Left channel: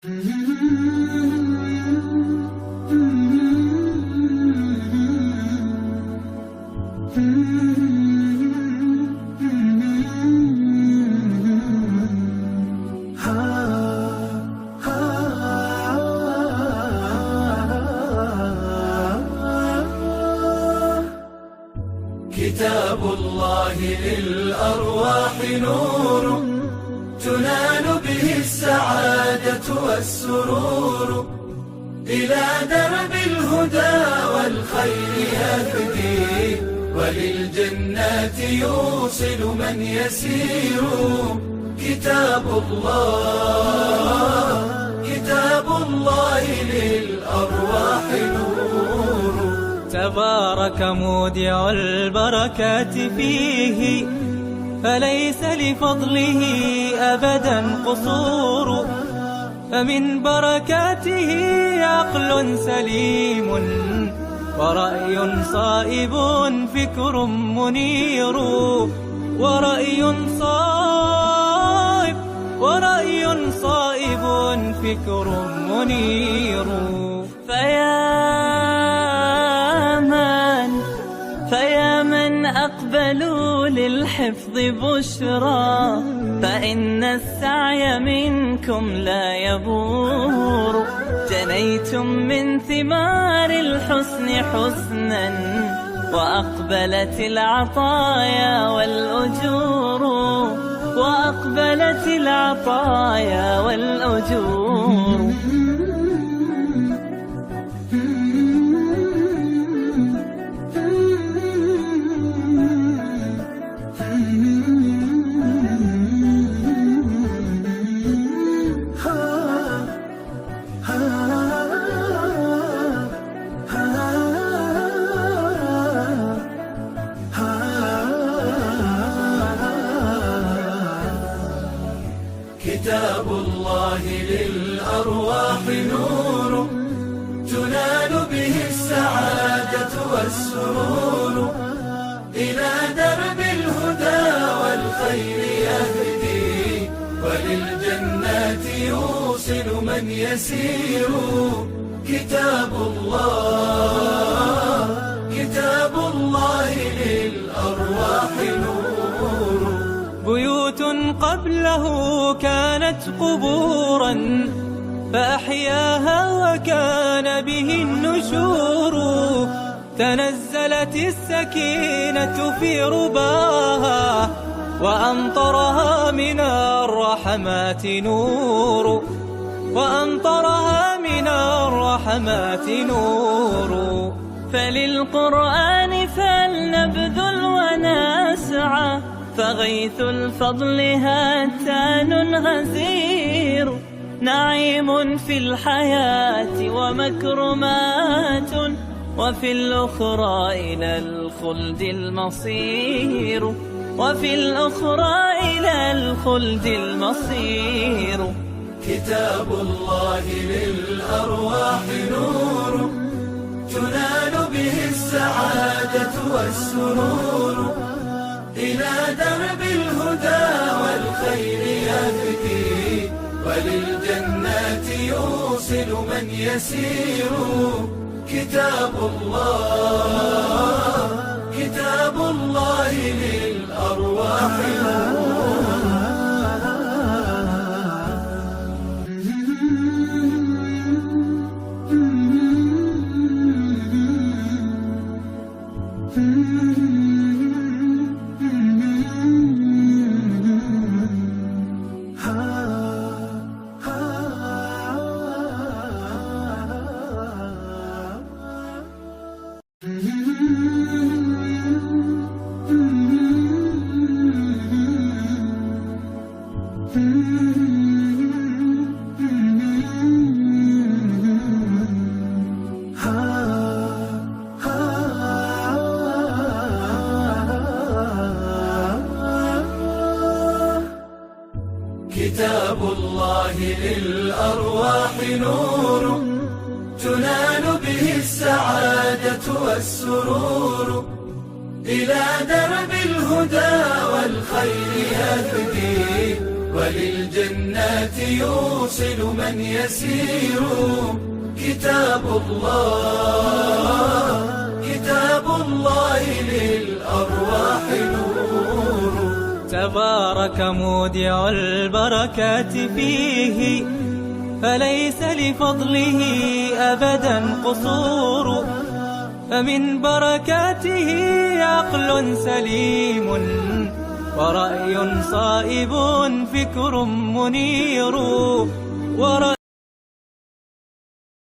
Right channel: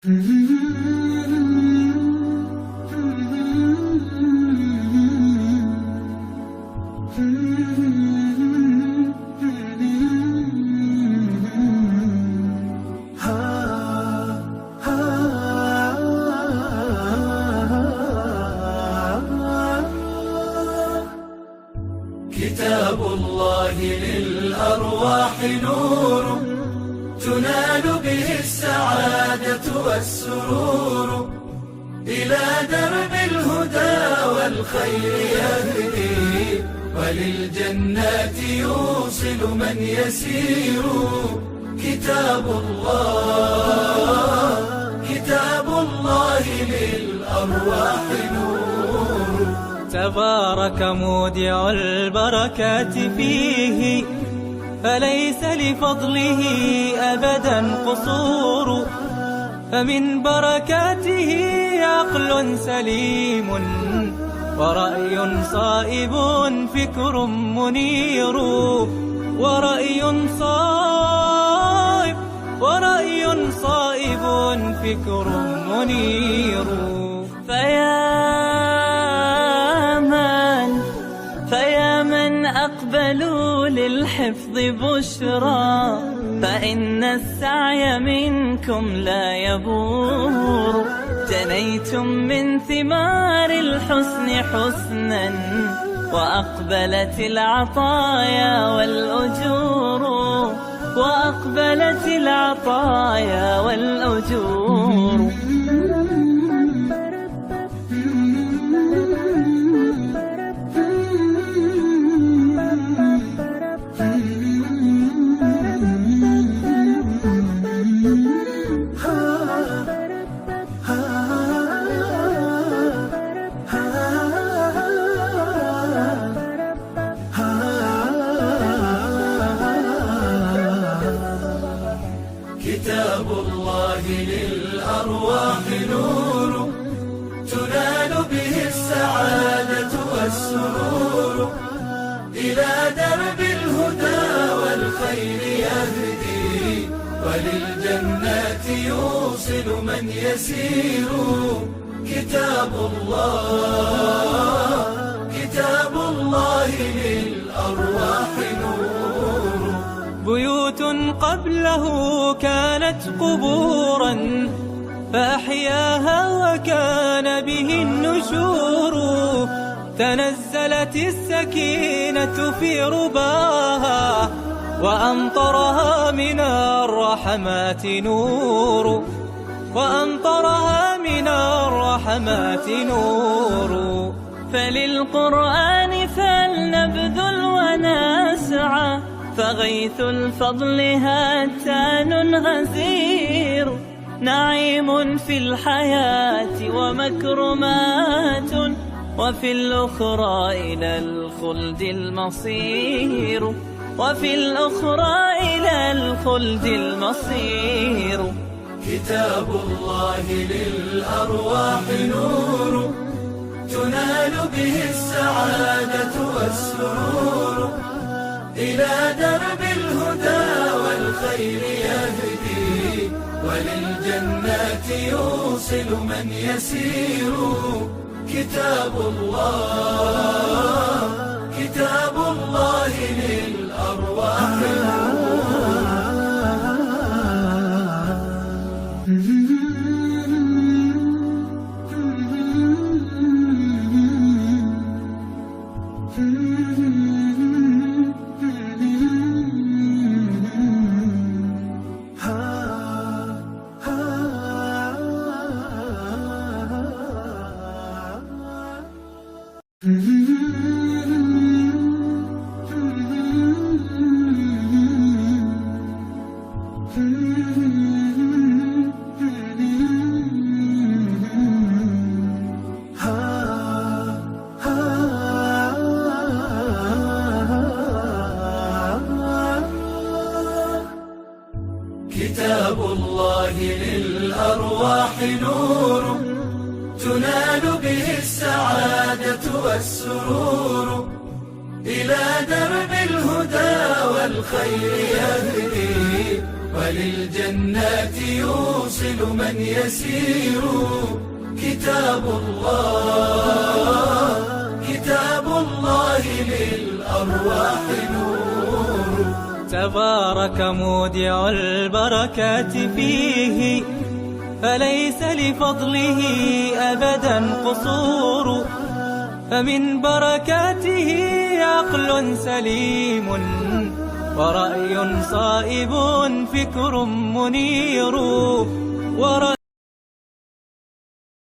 كتاب الله للأرواح نور تنال به السعادة والسرور، إلى درب الهدى والخير يهدي، وللجنات يوصل من يسير. كتاب الله للأرواح نور. تبارك مودع البركات فيه، فليس لفضله أبدا قصور. فمن بركاته عقل سليم، ورأي صائب فكر منير. ورأي صائب فكر منير. فيا من أقبلوا للحفظ بشرى، فإن السعي منكم لا يبور. جنيتم من ثمار الحسن حسنا، وأقبلت العطايا والأجور. كتاب الله للأرواح نور تنال به السعادة والسرور، إلى درب الهدى والخير يهدي، وللجنات يوصل من يسير. كتاب الله للأرواح نور. بيوت قبله كانت قبورا، فأحياها وكان به النشور. تنزلت السكينة في رباها، وأمطرها من الرحمات نور. فللقرآن فلنبذل ونسعى، فغيث الفضل هاتان غزير. نعيم في الحياة ومكرمات، وفي الأخرى إلى الخلد المصير. كتاب الله للأرواح نور تنال به السعادة والسرور، إلى درب الهدى والخير يهدي، وللجنات يوصل من يسير. كتاب الله للأرواح كتاب الله للأرواح نور تنال به السعادة والسرور، إلى درب الهدى والخير يهدي، وللجنات يوصل من يسير. كتاب الله، كتاب الله للأرواح نور. تبارك مودع البركات فيه، فليس لفضله أبدا قصور. فمن بركاته عقل سليم، ورأي صائب، فكر منير.